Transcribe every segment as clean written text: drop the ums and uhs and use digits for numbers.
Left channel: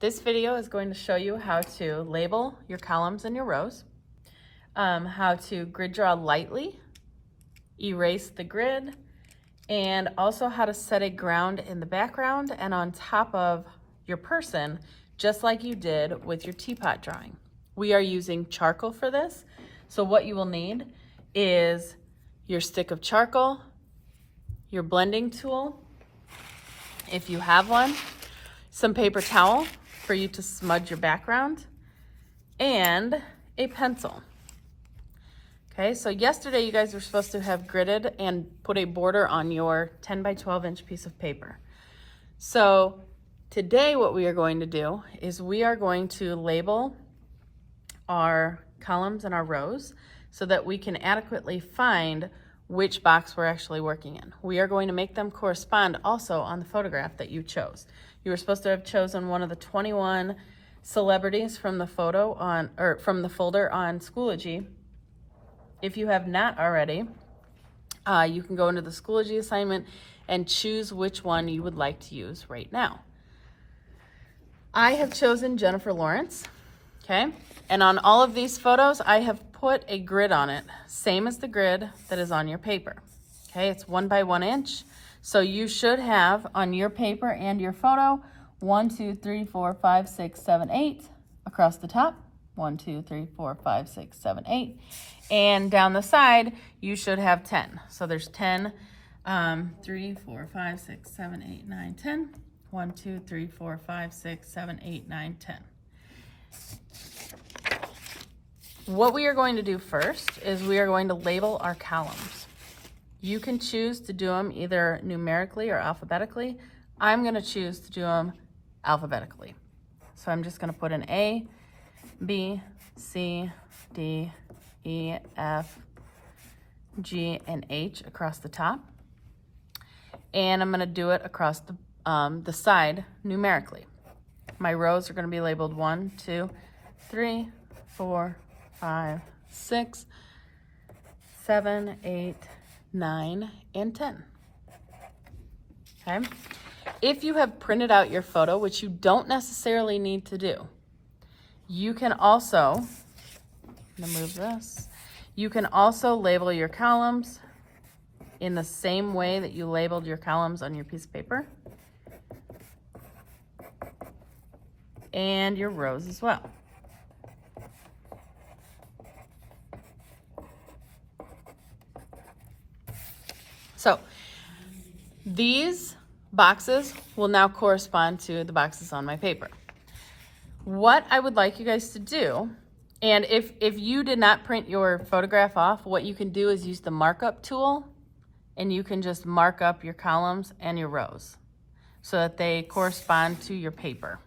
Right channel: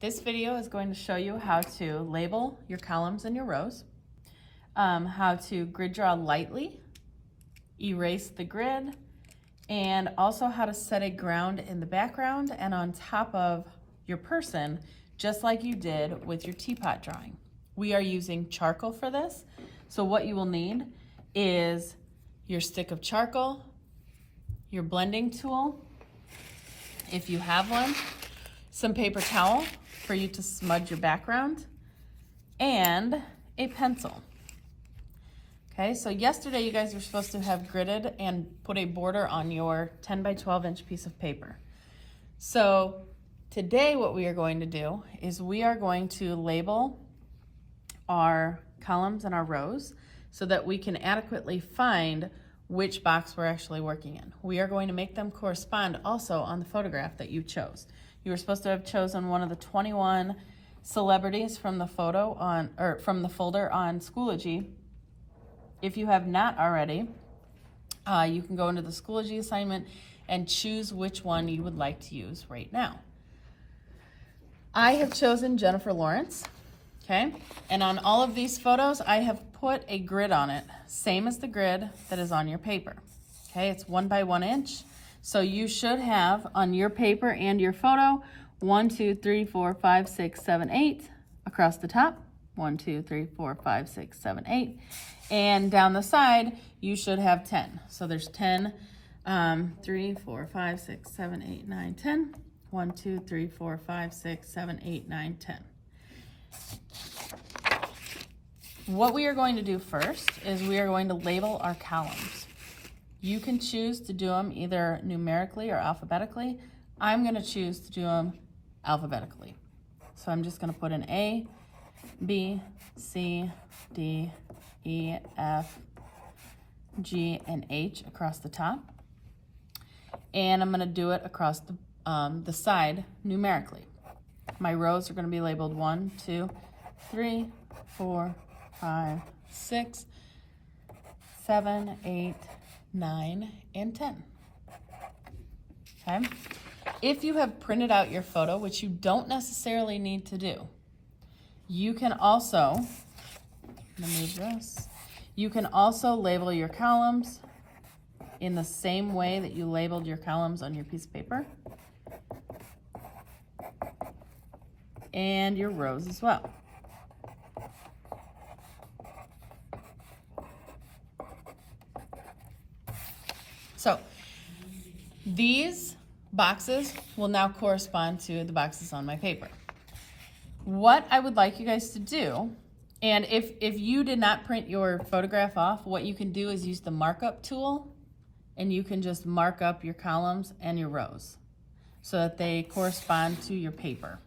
This video is going to show you how to label your columns and your rows, how to grid draw lightly, erase the grid, and also how to set a ground in the background and on top of your person, just like you did with your teapot drawing. We are using charcoal for this, so what you will need is your stick of charcoal, your blending tool, if you have one, some paper towel for you to smudge your background, and a pencil. Okay, so yesterday you guys were supposed to have gridded and put a border on your 10 by 12 inch piece of paper. So today what we are going to do is we are going to label our columns and our rows so that we can adequately find which box we're actually working in. We are going to make them correspond also on the photograph that you chose. You were supposed to have chosen one of the 21 celebrities from the photo on, or from the folder on Schoology. If you have not already, you can go into the Schoology assignment and choose which one you would like to use right now. I have chosen Jennifer Lawrence, okay? And on all of these photos, I have put a grid on it, same as the grid that is on your paper, okay? It's 1 by 1 inch. So you should have on your paper and your photo, 1, 2, 3, 4, 5, 6, 7, 8 across the top, 1, 2, 3, 4, 5, 6, 7, 8. And down the side, you should have 10. So there's 10, 3, 4, 5, 6, 7, 8, 9, 10. 1, 2, 3, 4, 5, 6, 7, 8, 9, 10. What we are going to do first is we are going to label our columns. You can choose to do them either numerically or alphabetically. I'm going to choose to do them alphabetically. So I'm just going to put an A, B, C, D, E, F, G, and H across the top. And I'm going to do it across the side numerically. My rows are going to be labeled 1, 2, 3, 4, 5, 6, 7, 8, 9, and 10. Okay? If you have printed out your photo, which you don't necessarily need to do, you can also, I'm gonna move this, you can also label your columns in the same way that you labeled your columns on your piece of paper, and your rows as well. So these boxes will now correspond to the boxes on my paper. What I would like you guys to do, and if you did not print your photograph off, what you can do is use the markup tool, and you can just mark up your columns and your rows so that they correspond to your paper.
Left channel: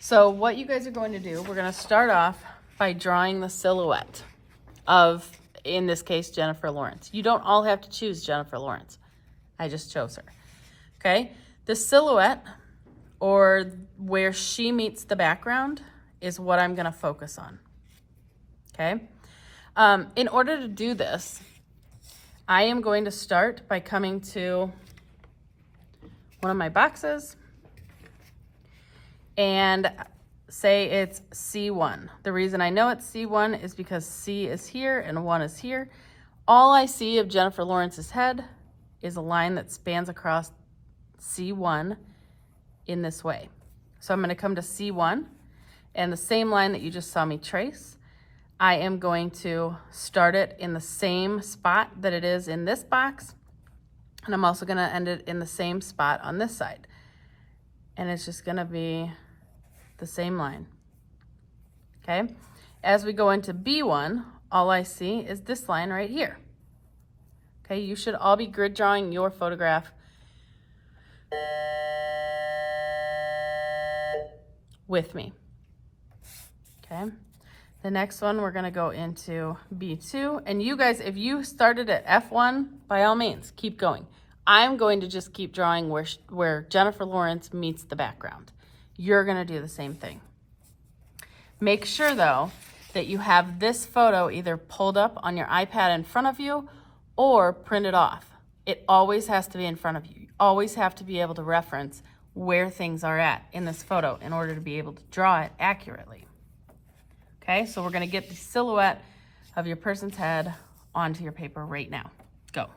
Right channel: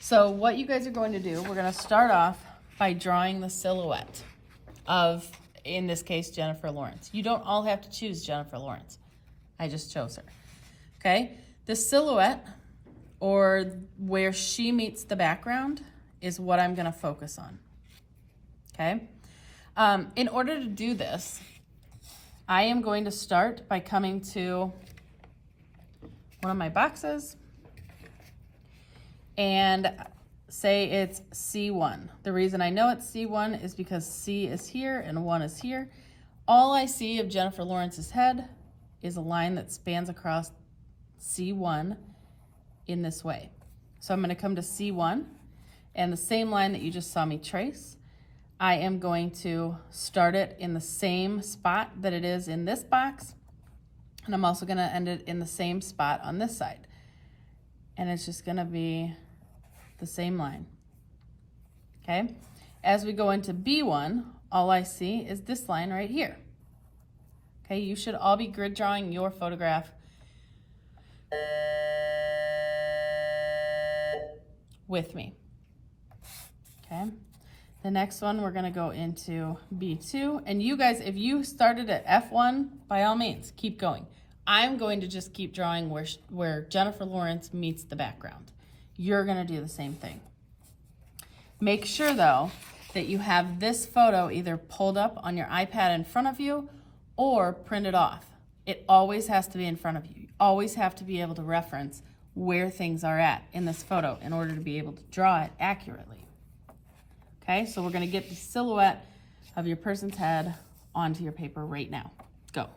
So what you guys are going to do, we're going to start off by drawing the silhouette of, in this case, Jennifer Lawrence. You don't all have to choose Jennifer Lawrence. I just chose her. Okay? The silhouette, or where she meets the background, is what I'm going to focus on. Okay? In order to do this, I am going to start by coming to one of my boxes and say it's C1. The reason I know it's C1 is because C is here and 1 is here. All I see of Jennifer Lawrence's head is a line that spans across C1 in this way. So I'm going to come to C1, and the same line that you just saw me trace, I am going to start it in the same spot that it is in this box, and I'm also going to end it in the same spot on this side. And it's just going to be the same line. Okay? As we go into B1, all I see is this line right here. Okay, you should all be grid drawing your photograph with me. Okay, the next one we're going to go into B2, and you guys, if you started at F1, by all means keep going. I'm going to just keep drawing where Jennifer Lawrence meets the background. You're going to do the same thing. Make sure though that you have this photo either pulled up on your iPad in front of you or printed off. It always has to be in front of you. You always have to be able to reference where things are at in this photo in order to be able to draw it accurately. Okay, so we're gonna get the silhouette of your person's head onto your paper right now. Go.